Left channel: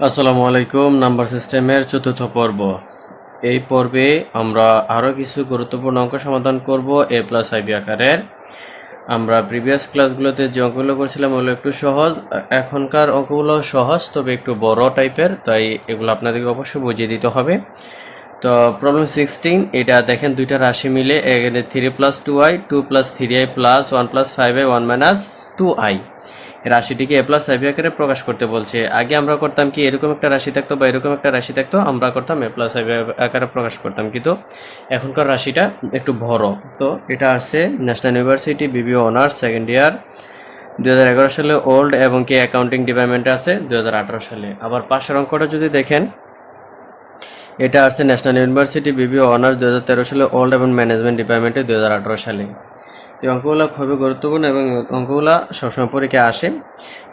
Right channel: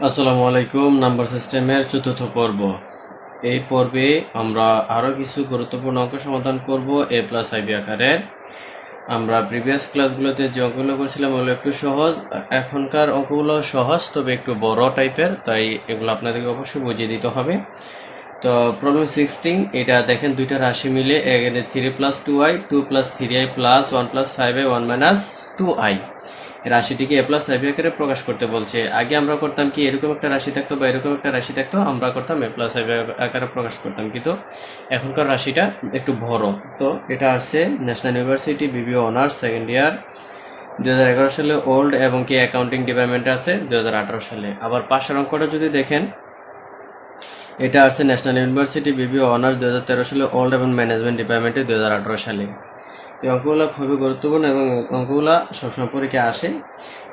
আসসালামু আলাইকুম, নাম্বার সিস্টেমের চতুর্থ পর্ব। এই পর্বে আমরা আরও কিছু গুরুত্বপূর্ণ অঙ্ক সমাধান করব, এ প্লাস আইবি আকারের। আমরা প্রিভিয়াস ক্লাসগুলোতে যে অঙ্কগুলো করছিলাম ওগুলো একটু সহজ। এখনকার অঙ্কগুলো সহজ, তবে একটু বড় টাইপের, তাই এগুলো আপনাদেরকে অবশ্যই বুঝিয়ে দিতে হবে। তো প্রবলেম সিক্সটিন এটা দেখেন দুইটা রাশি মিলে three plus two I two plus three I plus one plus five I one minus two I রাশিটিকে A plus I B আকারে প্রকাশ করতে বলছে। আগে আমরা করতাম কি, এরকম একটা রাশি থাকতো বা এরকম একটা রাশি থাকতো, আমরা করতাম এ প্লাস আইবি আকারে প্রকাশ করতাম। কিন্তু এখনকার রাশিটা একটু বড়। তো এটা আসছে ন্যাশনাল ইউনিভার্সিটি বিবিও অনার্স সেকেন্ড ইয়ার দু হাজার এগারো সালে ওল্ড এবং কি অ্যাকাউন্টিং ডিপার্টমেন্টে আছে দু হাজার আঠারো সালে। আবার পাশের অঙ্কটা যদি দেখেন, এটা আসছে ন্যাশনাল ইউনিভার্সিটি বিবিও অনার্স দু হাজার তেরো সালে ওল্ড এবং ম্যানেজমেন্ট ডিপার্টমেন্টে দু হাজার আঠারো সালে। তো অঙ্কগুলো খুবই গুরুত্বপূর্ণ এবং অঙ্কগুলো সবসময় পরীক্ষায় আসে।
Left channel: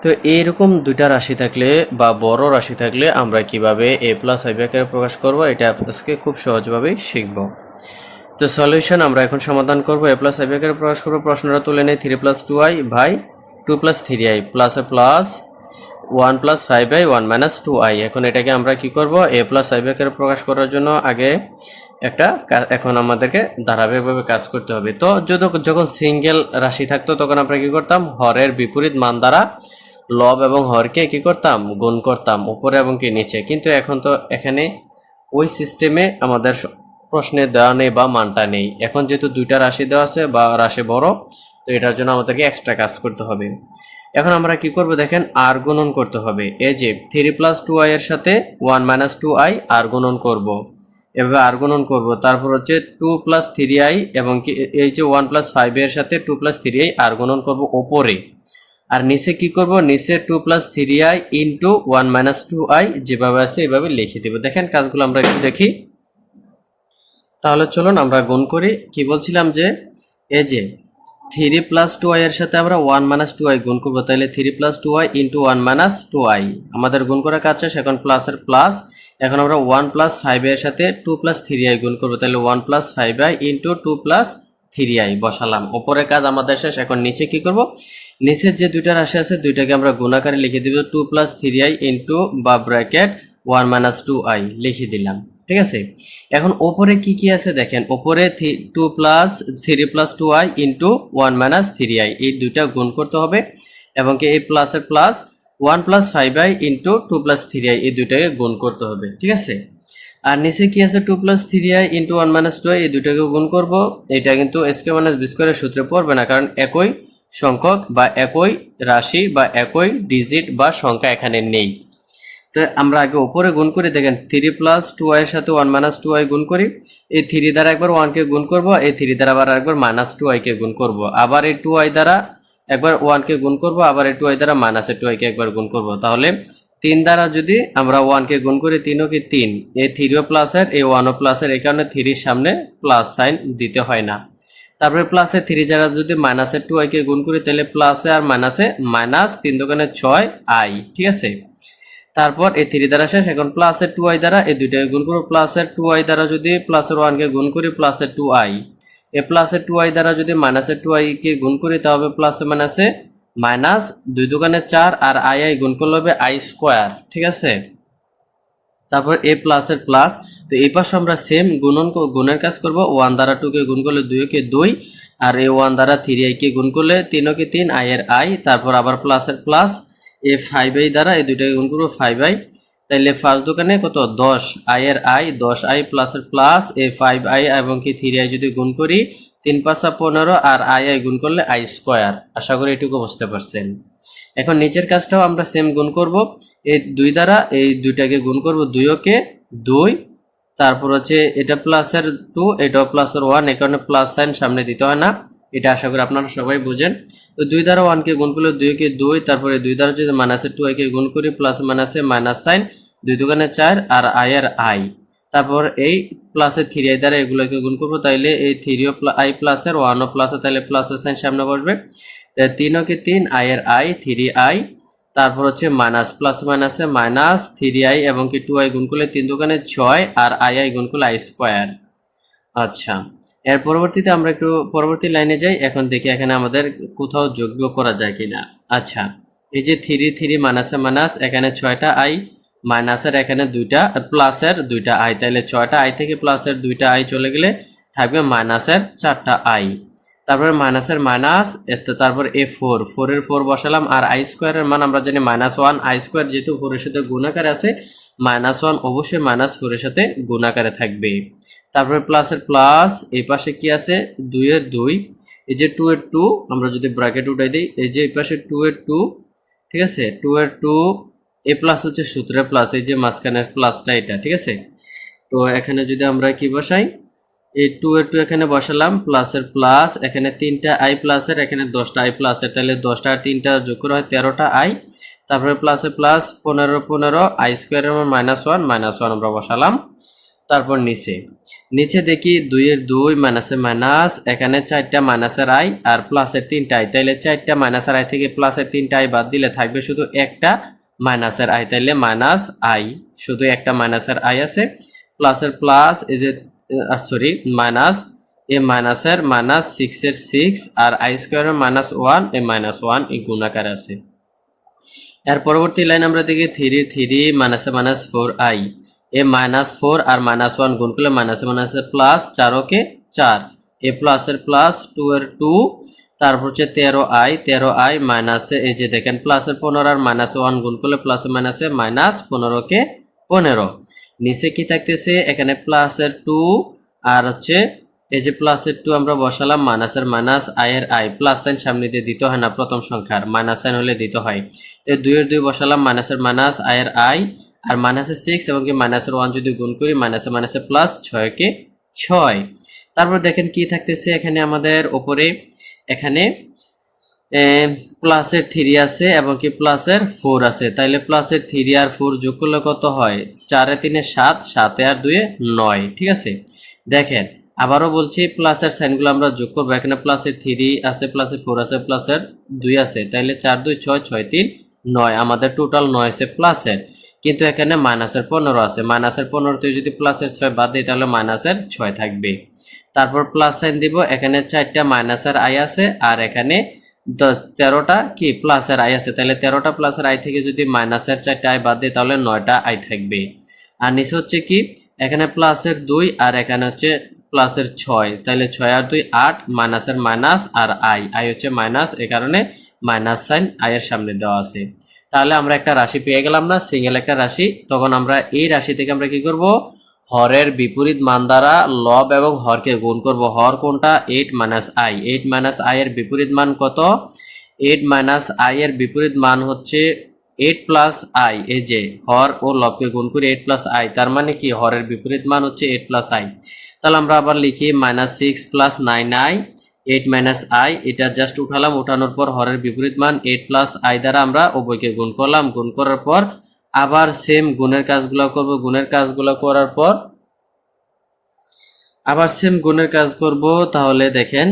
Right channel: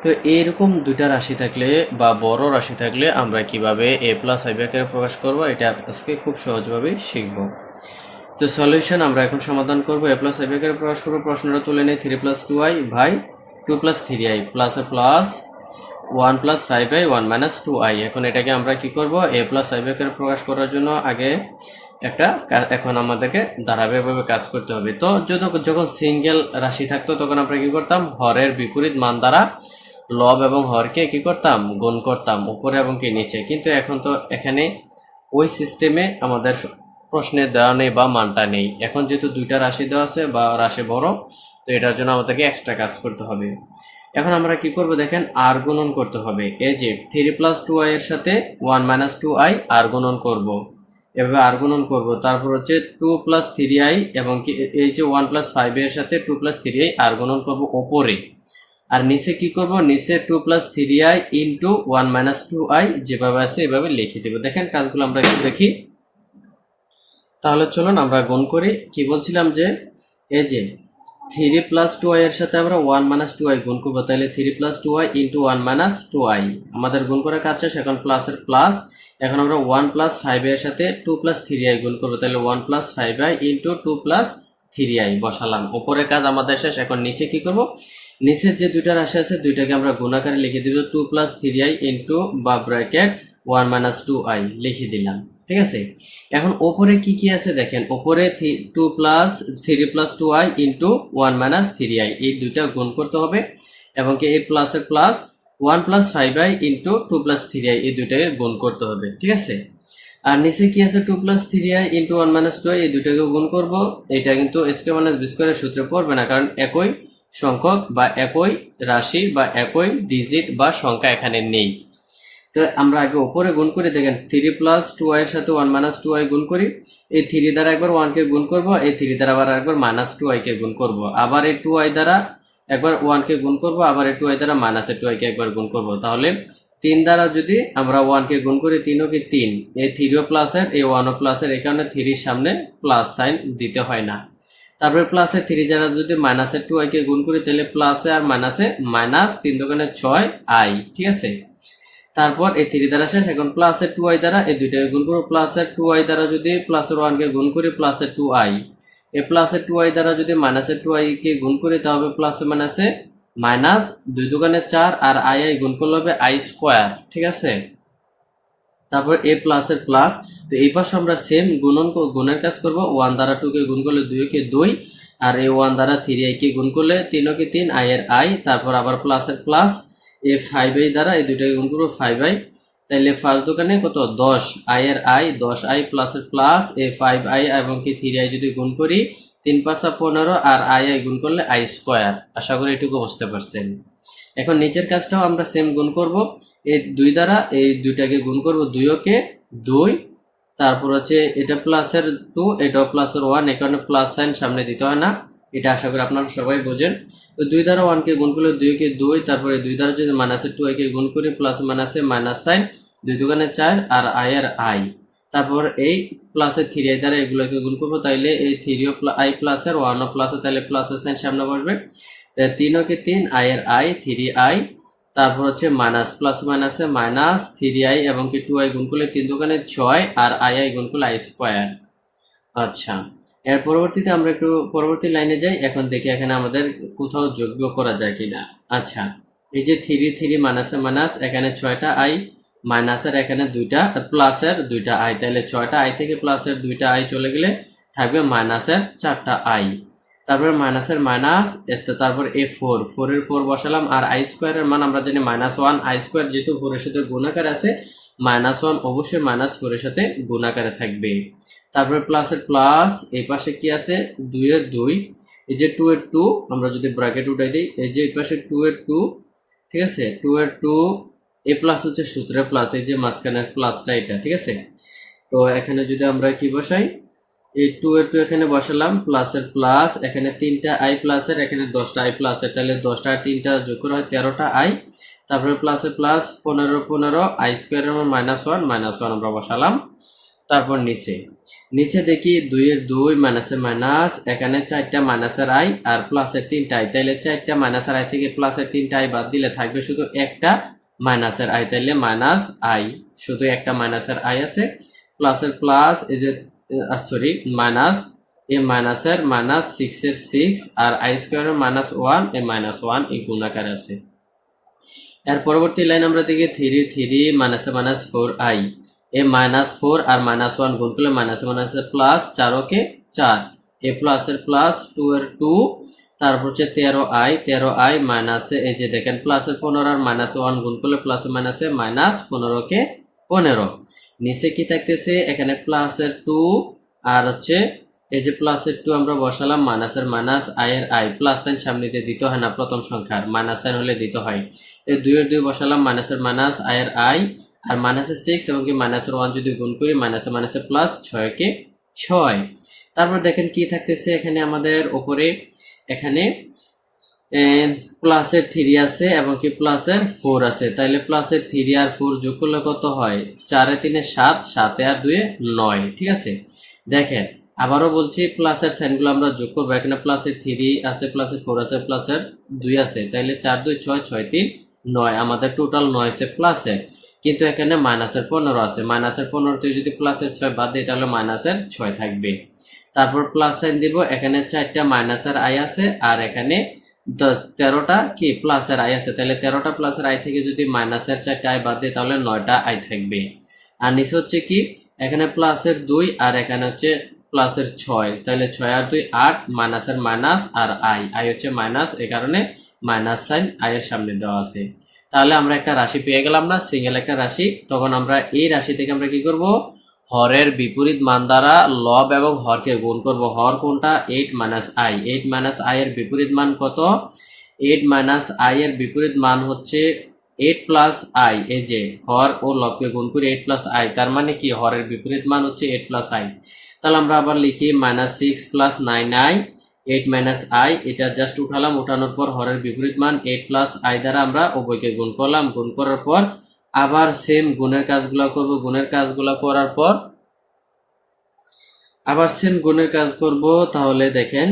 তো এইরকম দুইটা রাশি থাকলে বা বড় রাশি থাকলে আমরা কীভাবে এ প্লাস আইবি আকারে প্রকাশ করব, এটা আজকে খুব সহজভাবেই শিখব। তো সলিউশন আমরা এখন সমাধান করব। এ প্লাস আইবি আকারে প্রকাশ করব, প্রশ্নটা তুলে নেই। Three plus two i by two plus three i plus plus one plus five i one minus two i এখন এটাকে আমরা কি করব? এ প্লাস আইবি আকারে প্রকাশ করার জন্য আগে একটা এখন আমাদেরকে ধারাবাহিকভাবে কাজ করতে হবে। তো যদি যখন সিঙ্গেল রাশি থাকতো, তখন আমরা কি করতাম? হরের বিপরীত মান দ্বারা লব এবং হরকে কি করতাম? গুণ করতাম, উপরে এবং কি নিচে। কিন্তু এখন তো এখানে ওই সিস্টেমে আমাদের প্রশ্নে দেওয়া নেই বা মানটা নেই। এখন যেহেতু দুইটা রাশি দেওয়া আছে বা রাশি বড়, তো এটার জন্য আমাদেরকে এক্সট্রা কাজ করতে হবে। এখন আমরা কি করব দেখেন? আর গুণন করতে হবে। এই যে থ্রি প্লাস টু আই এর সাথে ওয়ান মাইনাস টু আই আর গুণন করব। এভাবে আর গুণন করব। তারপর হচ্ছে টু প্লাস থ্রি আই এবং এই যে ওয়ান প্লাস ফাইভ এর সাথে টু প্লাস থ্রি আই আর গুণন করব ওপরে। আর নিচে কি করব? নিচে two plus three i into one minus two i যেভাবে আছে এভাবে লিখে দেবো। দেখেন কাজগুলো আমরা একটু দেখি। তাহলে চলুন আমরা গুণ করি। কি বলছিলাম যে, এই যে থ্রি প্লাস টু আই এর সাথে আমরা ওয়ান মাইনাস টু আই গুণ করব। তাহলে three plus two i into one minus two i আমাদের গুণ করা কাজ এখন প্লাসের প্লাস এখন আমরা ওয়ান প্লাস ফাইভ এর সাথে টু প্লাস থ্রি আই গুণ করব। তাহলে one plus five i into two plus three i বসালাম। ওপরের কাজ আমাদের শেষ, এখন নিচে কি করব? নিচের যে দুইটা রাশি আছে, দুইটাকে আমরা গুণাকারে লিখে দিব two plus three i into বা bracket one minus two i লিখে দিলাম। ঠিক আছে? এখন ওপরে কি কি আছে দেখেন, ওপরে two plus three plus two i into one minus three i এই দুইটা গুণ করতে হবে। এবং কি এই প্লাসের plus one plus five i into two plus three i, এই দুইটাকে গুণ করতে হবে, ঠিক আছে? আর নিচে কি আছে two plus three i into one minus two i, এই দুইটাকে গুণ করব এটা কিন্তু স্কোয়ার মাইনাস বি স্কোয়ারের সূত্রে পড়বে না, কারণ একই সংখ্যক বা একই রাশি বা একই ডিজিট বা সংখ্যা এখানে নেই। তো আমরা আগে উপরে গুণ করি, দেখেন থ্রি প্লাস টু আই এর সাথে ওয়ান মাইনাস টু আই গুণ করি, এই থ্রি দ্বারা একবার ওয়ানকে গুণ করব, এই থ্রি দ্বারা আবার একবার মাইনাস টু আই কে গুণ করব, আবার এই টু আই দ্বারা একবার ওয়ানকে গুণ করব, আবার টু আই দ্বারা মাইনাস টু আই কে একবার গুণ করব। তাহলে তিন দ্বারা যদি আমরা ওয়ানকে গুণ করি, তিনও কি তিন? এই থ্রিও প্লাসের এই ওয়ানও প্লাসের এই কারণে থ্রির সামনে প্লাস সাইন দিতে হয় না। তারপরে প্লাসে থ্রি যারা যদি মাইনাসের টু আইকে গুণ করি, তাহলে প্লাসে আর মাইনাসে মাইনাস তিন দোকানে ছয় আই ঠিক আছে? তারপর এই থ্রি দ্বারা শেষ, এখন প্লাসের টু আই দ্বারা এই দুইটাকে গুণ করব। প্লাসের টু আই দ্বারা যদি প্লাসের ওয়ানকে গুণ করি প্লাসের টু আই এই প্লাসের টু আই দ্বারা যদি মাইনাসের টু আই কে গুণ করি, তাহলে প্লাসে মাইনাসে মাইনাস দুই দোকানে চার আর আই আই গুণ করলে হবে আই স্কোয়ার ঠিক আছে? তারপর এ প্লাসের প্লাস তো এই পাশে আমরা সেম গুণন গুণের কাজ করব। ওয়ান দ্বারা টু কে গুণ করলে দুই কে দুই, আর এই ওয়ান দ্বারা থ্রি আই কে গুণ করলে তিনও কে তিন আই এর আই তারপর আবার প্লাসের প্লাস এ ফাইভ আই দ্বারা এই দুইটাকে গুণ করব ফাইভ আই তাইলে ফার্স্ট দোকানে কত? দশ আই এর আই দশ আই প্লাসের প্লাস এ ফাইভ আই এবং কি থ্রি আই যদি গুণ করি, তিন পাঁচা পনেরো আর আই আই গুণ করলে আই স্কোয়ার আশা করি এটুকু বুঝতে পারছেন। এখন নিচের কাজটাও আমরা সেম গুণ করব। এই দুই দ্বারা এই দুইটাকে গুণ করব দুই ওকে দুই। তারপর হচ্ছে এটা প্লাসের টু এটাও প্লাসের ওয়ান এ কারণে প্লাস সাইন সামনে দিতে হয় না। এটা আশা করি আপনারা সবাই বোঝেন। তো দুই দ্বারা ওয়ানকে গুণ করলে দুইকে দুই, তারপরে দুই দ্বারা যদি মাইনাসের টু কে গুণ করি প্লাস মাইনাসে মাইনাস সাইন দুই দোকানে চার আর আই আর আই তারপর এই প্লাসের থ্রি আই দ্বারা এগুলোকে গুণ করব, তাইলে এই থ্রি থ্রিও আই প্লাসের ওয়ানও প্লাসে তাহলে প্লাসের সাইন সামনে বসবে। তিনও কি তিন আই এর আই থ্রি আই তারপর হচ্ছে মাইনাস প্লাস মাইনাসে মাইনাস থ্রি আই এবং কি টু আই গুণ করলে তিন দোকানে ছয় আর আই আই গুণ করলে আই স্কোয়ার আচ্ছা এর পরবর্তীতে আমরা একটু পরবর্তী লাইনে যাই, এখন দেখি এখানে আমাদের কোথাও যোগ্য করা যায় কিনা। আচ্ছা এই যে থ্রি থ্রি মাইনাসে মাইনাস এখানে ছয়টা আই মাইনাসের এখানে দুইটা প্লাসের দুইটা আই তাহলে ছয়টা আই থেকে প্লাসের দুইটা আই চলে গেলে থাকবে মাইনাসের চারটা আই তারপরে মাইনাসের মাইনাস তারপর এ ফোর ফোরের ফোর বসালাম, আর আই স্কোয়ারের মান আমরা জানি মাইনাস ওয়ান আই স্কোয়ার যেহেতু ফোরের সাথে গুণাকার আছে মাইনাস ওয়ান অবশ্যই মাইনাস ফোরের সাথে গুণাকারে থাকবে। তারপরে প্লাসের প্লাস এই পাশে কি আছে? দুইয়ের দুই। এই যে টু এর টু আমরা যদি ব্র্যাকেট উঠাই দিই, এই যে এই পাশে টু এর টু ঠিক আছে? টু এর টু এ প্লাস হচ্ছে সূত্রের প্লাস এই যে মাঝখানের প্লাসটা এটা, ঠিক আছে? তো এখানে যদি আমরা কি বসাই? এই টু এর টু এখানে বসালাম প্লাসের প্লাস এখানে তিনটা আই প্লাসের এখানে দশটা আই প্লাসের তাহলে দশটা আর তিনটা যোগ করা হয় তেরোটা আই তারপরে প্লাসে প্লাস পনেরো পনেরো আই স্কোয়ারের মাইনাস ওয়ান মাইনাস ওয়ান আমরা বসালাম। তারপর নিচে। নিচে দেখি দুইয়ের দুই মাইনাসে মাইনাস এখানে চারটা মাইনাসের আই আর প্লাসের তিনটা আই তাইলে চারটা মাইনাসের আই থেকে প্লাসের তিনটা আই বাদ দিলে থাকবে শুধু একটা মাইনাসের আই তাইলে মাইনাস আই শুধু একটা মাইনাসের আই আছে প্লাসের প্লাস এই যে সরি মাইনাস এ মাইনাসের মাইনাস সিক্সের সিক্স আর আই স্কোয়ারের মাইনাস ওয়ান এ মাইনাস ওয়ান এই গুণাকার আছে। এর পরবর্তী লাইন আমরা দেখি থ্রি থ্রি মাইনাসে মাইনাস ফোর আই এ মাইনাস ফোর আর মাইনাস ওয়ান গুণ করলে মাইনাসে মাইনাসে প্লাস চার ওকে চার। এ প্লাসের প্লাস টু এর টু তারপর হচ্ছে তেরো আই তেরো আই মাইনাসে এই যে দেখেন প্লাসের পনেরো আর মাইনাস ওয়ান গুণ করলে প্লাসে মাইনাসে মাইনাস পনেরোকে পনেরো নিচে কি থাকতেছে? এখানে প্লাসের টু আর হচ্ছে এই যে প্লাসের টু আমরা বসালাম মাইনাসের মাইনাস আয়ের আই প্লাস সাইন সামনে দিয়ে দিতে হয় না প্রথম সংখ্যার মাইনাস সাইন হলে দিতে হয়। তো দুইয়ের দুই বসালাম মাইনাসের মাইনাস আয়ের আই আর মাইনাসের সিক্স এবং কি মাইনাসের ওয়ান যদি গুণ করি মাইনাসে মাইনাসে প্লাস ছয়কে ছয়। তারপর দেখেন কি থাকতেছে এখানে আমাদের উপরে? এখানে প্লাসের থ্রি আছে এবং কি প্লাসের ফোর আছে। তাইলে প্লাসের থ্রি আর ফোর যোগ করলে কত হয়? চারে তিনে সাত, সাতে আর দুয়ে নয়, ঠিক আছে? দেখেন, আবারও বলছি প্লাসের সাইনগুলো আমরা যোগ করব। এখানে প্লাসের থ্রি আছে, প্লাসের ফোর আছে, প্লাসের দুই আছে। তাইলে চার, দুই, ছয় ছয়, তিন, নয়। আমাদের টোটাল নয় আছে প্লাসের। কিন্তু এখানে মাইনাসের পনেরো আছে। মাইনাসের পনেরোতে যদি প্লাসের ছয় বাদ দিই, তাহলে মাইনাসের ছয় থাকবে তারপর প্লাস সাইন দিব, এখানে চারটা মাইনাসের আই আছে, আর এখানে তেরোটা কি প্লাসের আই আছে, তাহলে তেরোটা প্লাসের আই থেকে যদি মাইনাসের চারটা আই বাদ দিই, তাহলে নয়টা আই থাকবে। আর নিচে হচ্ছে কি, এখানে প্লাসের দুই, আর এখানে হচ্ছে প্লাসের ছয়, তাহলে ছয় আর দুই, আট মাইনাসের মাইনাস আর আই আই হচ্ছে মাইনাস এ কারণে মাইনাস সাইন আই এর সামনে দেওয়া আছে। তাহলে আমরা একটা রাশি পেয়ে গেলাম না সিঙ্গেল একটা রাশি, তখন আমরা এই রাশি থেকে আমরা কি করব? হরের বিপরীত মান দ্বারা লব এবং হরকে গুণ করব। হর কোনটা? Eight minus i eight minus i এর বিপরীত মান কত? এইট মাইনাস আই এর বিপরীত মান হচ্ছে এইট প্লাস আই এই যে হর ও লবকে গুণ করে এইট প্লাস আই তার মানে কি? হরের বিপরীত মান হচ্ছে এইট প্লাস আই তাহলে আমরা আবার লিখি minus six plus nine i eight minus i এটা জাস্ট উঠালাম, উঠানোর পর হরের বিপরীত মান এইট প্লাস আই দ্বারা আমরা উভয়কে গুণ করলাম। গুণ করার পর আবার সেম গুণের কাজগুলো করব, গুণের কাজগুলো করার পর আবার সেম গুণের কাজ করব, তাহলে দেখেন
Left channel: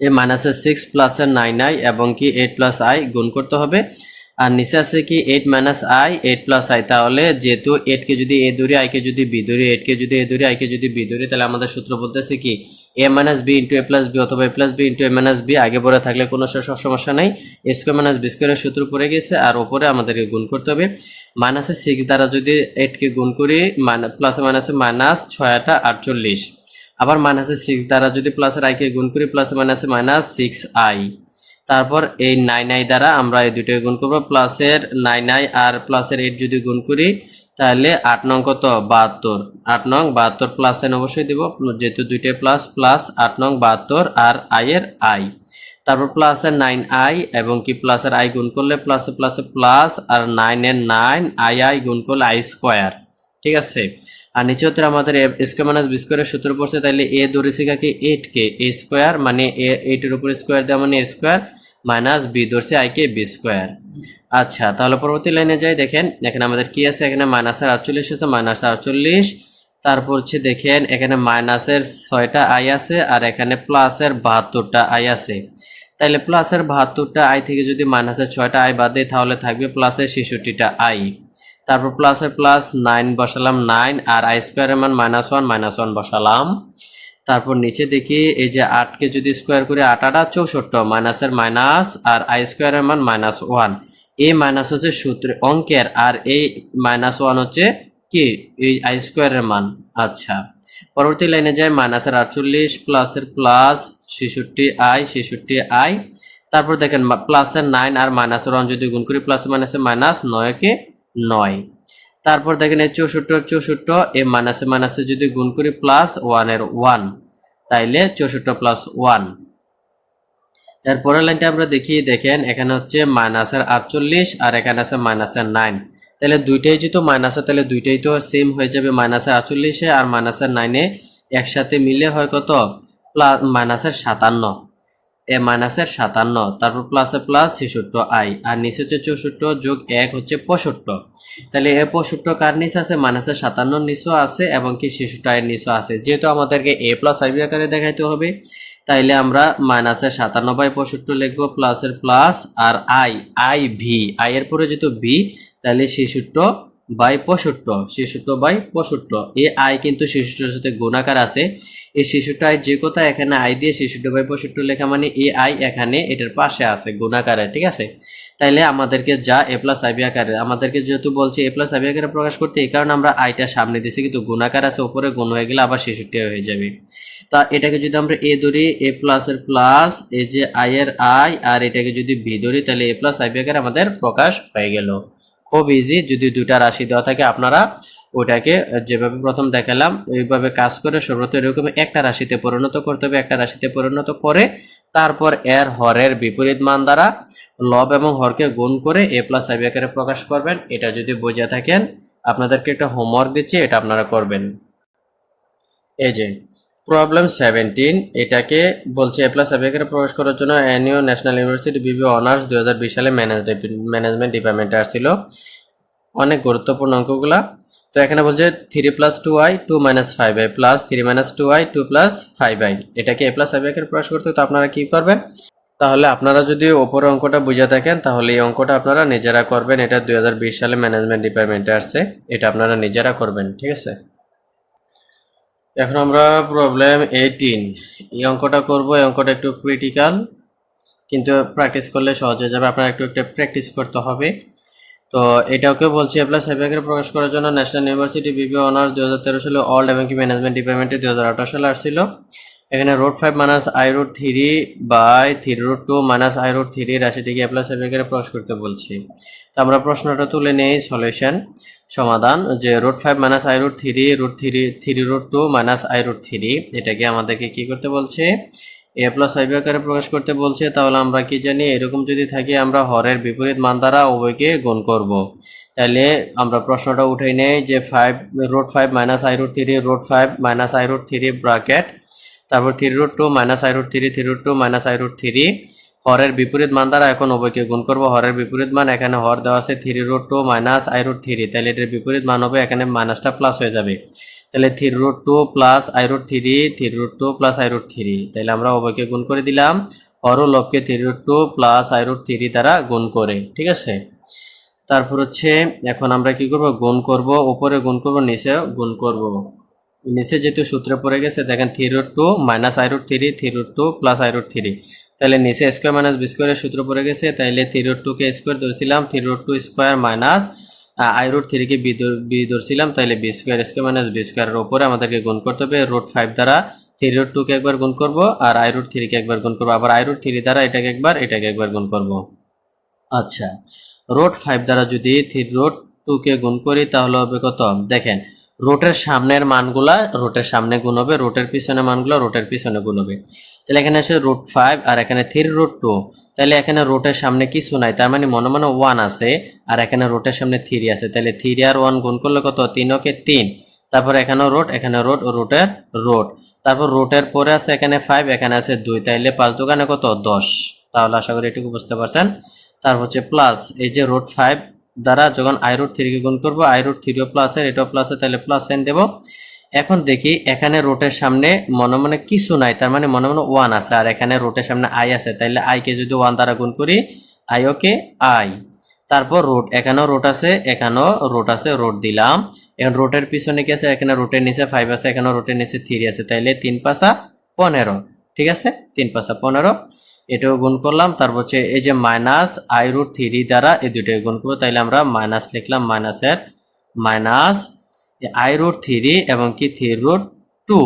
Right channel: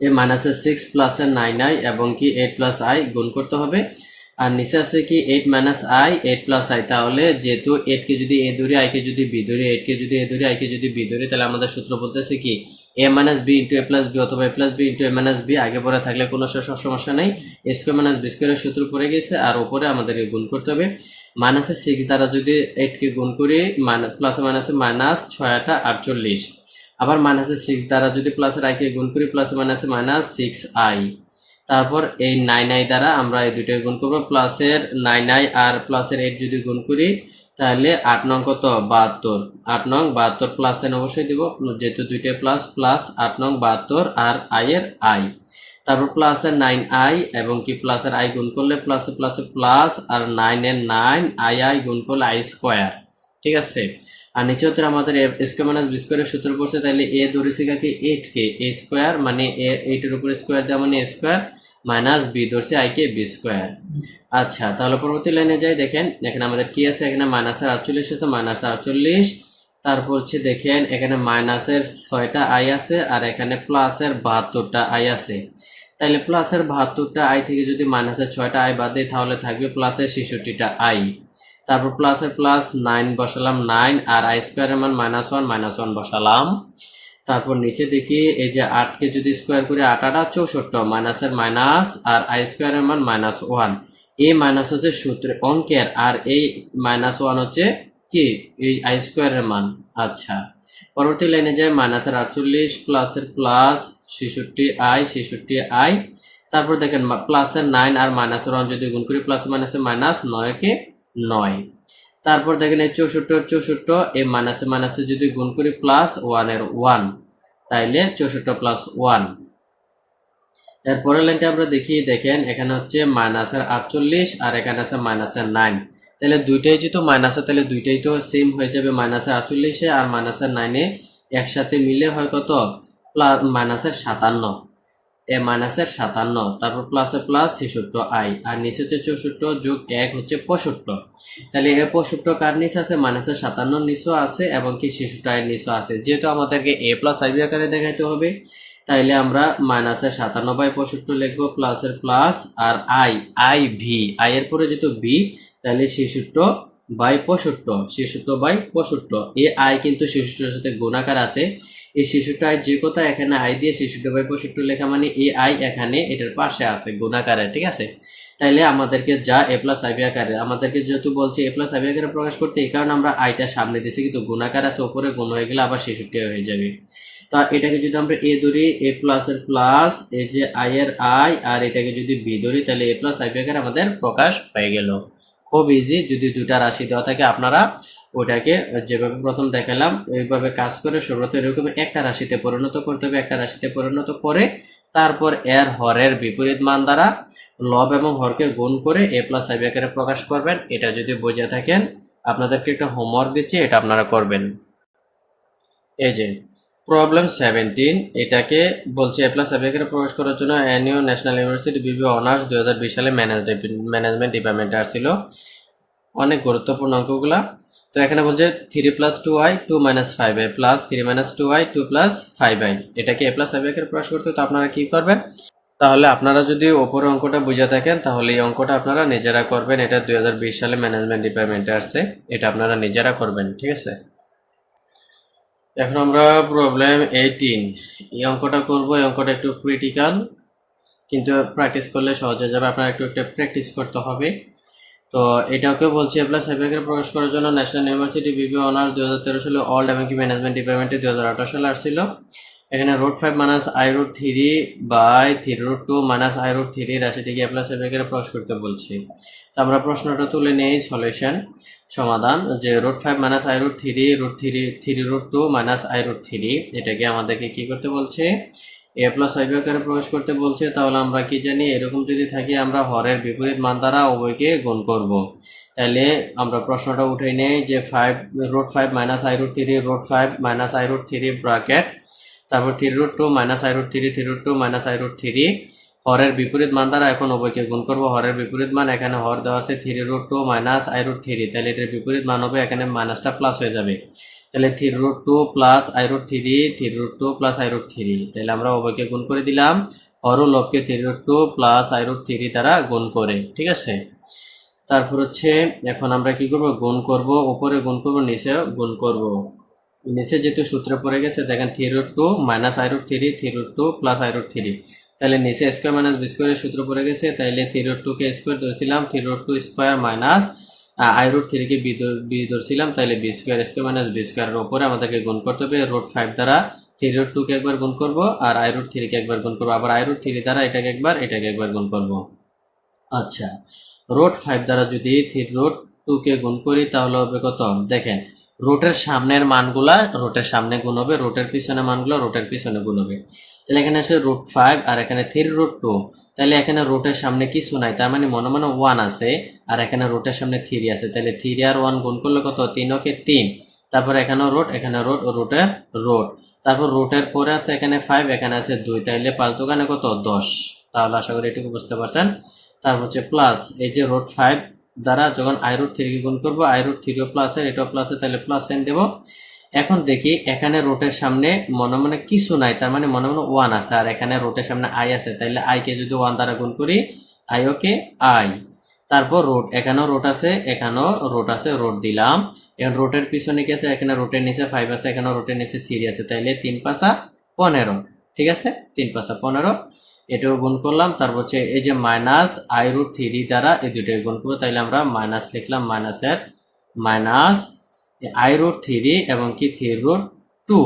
এ মাইনাসের সিক্স প্লাসের নাইন আই এবং কি এইট প্লাস আই গুণ করতে হবে। আর নিচে আছে কি eight minus i eight plus i তাহলে যেহেতু এইটকে যদি এ ধরি আইকে যদি বি ধরি এইটকে যদি এ ধরি আইকে যদি বি ধরি তাহলে আমাদের সূত্র বলতেছে কি a minus b into a plus b অথবা a plus b into a minus b আগে পরে থাকলে কোনো সমস্যা নেই। এ স্কোয়ার মাইনাস বি স্কোয়ারের সূত্র পড়ে গেছে আর ওপরে আমাদেরকে গুণ করতে হবে। মাইনাসের সিক্স দ্বারা যদি এইটকে গুণ করি প্লাসে মাইনাসে মাইনাস ছয় আটা আটচল্লিশ। আবার মাইনাসের সিক্স দ্বারা যদি প্লাসের আইকে গুণ করি প্লাসে মাইনাসে মাইনাস সিক্স আই তারপর এই নাইন আই দ্বারা আমরা এই দুটোকে গুণ করব। প্লাসের নাইন আই আর প্লাসের এইট যদি গুণ করি তাহলে আট নং কত? বাহাত্তর। আট নং, বাহাত্তর প্লাস এন অবশ্যই দিব। যেহেতু দুইটা প্লাস প্লাস আট নং, বাহাত্তর আর আই এর আই তারপর প্লাসের নাইন আই এবং কি প্লাসের আই গুণ করলে প্লাসে প্লাসে প্লাস আর নাইন এর নাইন আই আই গুণ করলে আই স্কোয়ার ঠিক আছে? আর নিচে হচ্ছে আমাদের স্কোয়ার মাইনাস বি স্কোয়ারের সূত্র পড়ছে, তাহলে এ ধরেছে কাকে এইট কে এ স্কোয়ার মানে এ এইটের উপর স্কোয়ার দেওয়া মানে এ স্কোয়ার মাইনাস বি ধরছে আই কে বি স্কোয়ার। আচ্ছা তাহলে পরবর্তী লাইনে যাই, দেখেন এখানে আমাদের কি আছে? এখানে মাইনাসের আটচল্লিশ আছে মাইনাস আটচল্লিশ। তারপর হচ্ছে দেখেন, এখানে মাইনাসের ছয়টা আই আছে আর এখানে প্লাসের বাহাত্তরটা আই আছে। তাহলে প্লাসের বাহাত্তরটা আই থেকে যদি মাইনাসের ছয়টা আই বাদ দিই, তাহলে থাকবে প্লাসের ছেষট্টিটা আই। তারপর প্লাসের প্লাস নাইন বসালাম নাইন, আর আই স্কোয়ারের মান মাইনাস ওয়ান মাইনাস ওয়ান বসালাম। তারপর নিচে দেখি, এই যে আটকে যদি স্কোয়ার করে আট আটা চৌষট্টি মাইনাসের মাইনাস আর আই স্কোয়ারের মান মাইনাস ওয়ান এ মাইনাস হচ্ছে সূত্রে অঙ্কের, আর এই মাইনাস ওয়ান হচ্ছে কি? এই আই স্কোয়ারের মান। আচ্ছা পরবর্তী লাইনে যায় মাইনাসের আটচল্লিশ প্লাসের প্লাস ছেষট্টি আই ছেষট্টি আই তারপর দেখেন প্লাসের নাইন আর মাইনাসের ওয়ান যদি গুণ করি প্লাস মাইনাসে মাইনাস নয়কে নয়। তারপর দেখেন এই চৌষট্টি চৌষট্টি এই মাইনাসে মাইনাসে যদি গুণ করি প্লাস ওয়ানের ওয়ান তাইলে চৌষট্টি প্লাস ওয়ান এরপরের লাইনটা আমরা দেখি, দেখেন এখানে হচ্ছে মাইনাসের আটচল্লিশ আর এখানে আছে মাইনাসের নাইন তাহলে দুইটাই যেহেতু মাইনাসে তাহলে দুইটাই তো সেম হয়ে যাবে মাইনাসের আটচল্লিশে আর মাইনাসের নাইনে একসাথে মিলে হয় কত? প্লাস মাইনাসের সাতান্ন। এ মাইনাসের সাতান্ন, তারপর প্লাসে প্লাস ছেষট্টি আই আর নিচে হচ্ছে চৌষট্টি যোগ এক হচ্ছে পঁয়ষট্টি। তাহলে এ পঁয়ষট্টি কার নিচে আছে? মাইনাসের সাতান্ন নিচও আছে এবং কি ছেষট্টি আয়ের নিচও আছে। যেহেতু আমাদেরকে এ প্লাস আইবি আকারে দেখাইতে হবে, তাইলে আমরা মাইনাসের সাতান্ন বাই পঁয়ষট্টি লিখব প্লাসের প্লাস আর আই আই ভি আই এর পরে যেহেতু ভি তাহলে ছেষট্টি বাই পঁয়ষট্টি, ছেষট্টি বাই পঁয়ষট্টি। এই আই কিন্তু ছেষট্টির সাথে গুণাকার আছে। এই আই যে কথা এখানে আই দিয়ে ছেষট্টি বাই পঁয়ষট্টি লেখা মানে এই আই এখানে এটার পাশে আছে গুণাকারে, ঠিক আছে? তাইলে আমাদেরকে যা এ প্লাস আইবি আকারে আমাদেরকে যেহেতু বলছে এ প্লাস আইবি আকারে প্রকাশ করতে, এই কারণে আমরা আইটা সামনে দিছি, কিন্তু গুণাকার আছে উপরে গুণ হয়ে গেলে আবার ছেষট্টি হয়ে যাবে। তা এটাকে যদি আমরা এ ধরি এ প্লাস এর প্লাস এ যে আই এর আই আর এটাকে যদি বি ধরি তাহলে এ প্লাস আইবি আকারে আমাদের প্রকাশ হয়ে গেল। খুব ইজি যদি দুটা রাশি দেওয়া থাকে, আপনারা ওটাকে যেভাবে প্রথম দেখালাম, এইভাবে কাজ করে সর্বত এরকম একটা রাশিতে পরিণত করতে হবে, একটা রাশিতে পরিণত করে তারপর এর হরের বিপরীত মান দ্বারা লব এবং হরকে গুণ করে এ প্লাস আইবি আকারে প্রকাশ করবেন। এটা যদি বুঝে থাকেন, আপনাদেরকে একটা হোমওয়ার্ক দিচ্ছি, এটা আপনারা করবেন। এই যে প্রবলেম সেভেন্টিন, এটাকে বলছে এ প্লাস আকারে প্রকাশ করার জন্য এনইউ ন্যাশনাল ইউনিভার্সিটি বিবি অনার্স দু হাজার বিশ সালে ম্যানেজমেন্ট ডিপার্টমেন্টে আসছিল। অনেক গুরুত্বপূর্ণ অঙ্কগুলা। তো এখানে বলছে three plus two i two minus five i plus three minus two i two plus five i এটাকে এ প্লাস আকারে প্রকাশ করতে তো আপনারা কী করবেন? তাহলে আপনারা যদি ওপরে অঙ্কটা বুঝে থাকেন, তাহলে এই অঙ্কটা আপনারা নিজেরা করবেন। এটা দু হাজার বিশ সালে ম্যানেজমেন্ট ডিপার্টমেন্টে আসছে। এটা আপনারা নিজেরা করবেন, ঠিক আছে? এখন আমরা প্রবলেম এইটিন এই অঙ্কটা করব, এই অঙ্কটা একটু ক্রিটিক্যাল কিন্তু প্র্যাকটিস করলে সহজ হয়ে যাবে। আপনার একটু একটু প্র্যাকটিস করতে হবে। তো এটাকে বলছি এ প্লাস সার্ভিকেট প্রকাশ করার জন্য ন্যাশনাল ইউনিভার্সিটি বিবি অনার্স দু হাজার তেরো সালে অল্ড এবং কি ম্যানেজমেন্ট ডিপার্টমেন্টে দু হাজার আঠারো সালে আসছিল। এখানে root five minus i root three by three root two minus i root three রাশিটিকে plus সার্ভিকেটে প্রকাশ করতে বলছি। তো আমরা প্রশ্নটা তুলে নেই সলিউশন সমাধান যে root five minus i root three root three three root two minus i root three এটাকে আমাদেরকে কি করতে বলছে? এ প্লাস আইবি আকারে প্রকাশ করতে বলছে, তাহলে আমরা কি জানি? এরকম যদি থাকি, আমরা হরের বিপরীত মান দ্বারা উভয়কে গুণ করব। তাহলে আমরা প্রশ্নটা উঠে নেই যে five root five minus i root three root five minus i root three bracket তারপর three root two minus i root three three root two minus i root three হরের বিপরীত মান দ্বারা এখন উভয়কে গুণ করব। হরের বিপরীত মান এখানে হর দেওয়া আছে three root two minus i root three. তাহলে এটার বিপরীত মান হবে এখানে মাইনাসটা প্লাস হয়ে যাবে। তাহলে three root two plus i root three three root two plus i root three. তাহলে আমরা উভয়কে গুণ করে দিলাম। হর ও লবকে three root two plus i root three দ্বারা গুণ করে, ঠিক আছে? তারপর হচ্ছে এখন আমরা কি করব? গুণ করব, উপরে গুণ করব, নিচে গুণ করব। নিচে যেহেতু সূত্রে পড়ে গেছে, দেখেন three root two minus i root three three root two plus i root three তাহলে নিচে স্কোয়ার মাইনাস বি স্কোয়ারের সূত্র পড়ে গেছে তাইলে থ্রি রুট টুকে স্কোয়ার ধরেছিলাম three root two square minus i root থ্রিকে B ধরছিলাম, তাহলে b square square minus b স্কোয়ারের ওপরে আমাদেরকে গুণ করতে হবে রুট ফাইভ দ্বারা থ্রি রুট টুকে একবার গুণ করব আর আই রুট থ্রিকে একবার গুণ করব। আবার আই রুট থ্রি দ্বারা এটাকে একবার এটাকে একবার গুণ করব। আচ্ছা রোড ফাইভ দ্বারা যদি থ্রি রোড টুকে গুণ করি তাহলে হবে কত? দেখেন রুটের সামনের মানগুলা রুটের সামনে গুণ হবে, রুটের পিছনে মানগুলো রুটের পিছনে গুণ হবে। তাহলে এখানে আছে রুট ফাইভ আর এখানে থ্রি রুট টু তাহলে এখানে রুটের সামনে কিছু নাই, তার মানে মনে মনে ওয়ান আছে আর এখানে রুটের সামনে থ্রি আছে। তাহলে থ্রি আর ওয়ান গুণ করলে কত? তিন ওকে তিন। তারপর এখানেও রোড এখানে রোড রোটের রোড তারপর রোটের পরে আছে এখানে ফাইভ এখানে আছে দুই। তাইলে পাঁচ কত? দশ। তাহলে আশা করি এটুকু বুঝতে পারছেন। তারপর হচ্ছে প্লাস এই যে রোড ফাইভ দ্বারা যখন আই রুট থ্রিকে গুণ করব আই রুট থ্রিও প্লাসের এটাও প্লাসের তাহলে প্লাস সাইন দেবো। এখন দেখি, এখানে রোটের সামনে মনে মনে কিছু নাই, তার মানে মনে মনে ওয়ান আছে, আর এখানে রোটের সামনে আই আছে তাইলে আইকে যদি ওয়ান দ্বারা গুণ করি আই ওকে আই তারপর রোড এখানেও রোড আছে, এখানেও রোড আছে রোড দিলাম। এখন রোটের পিছনে কি আছে? এখানে রোটের নিচে ফাইভ আছে এখানে রোটের নিচে থ্রি আছে তাইলে তিন পাশা পনেরো, ঠিক আছে? তিন পাশা পনেরো। এটাও গুণ করলাম। তারপর হচ্ছে এই যে মাইনাস আই রুট থ্রি দ্বারা এই দুটোকে গুণ করব। তাইলে আমরা মাইনাস লিখলাম মাইনাসের মাইনাস আই রুট থ্রি এবং কি থ্রি রুট টু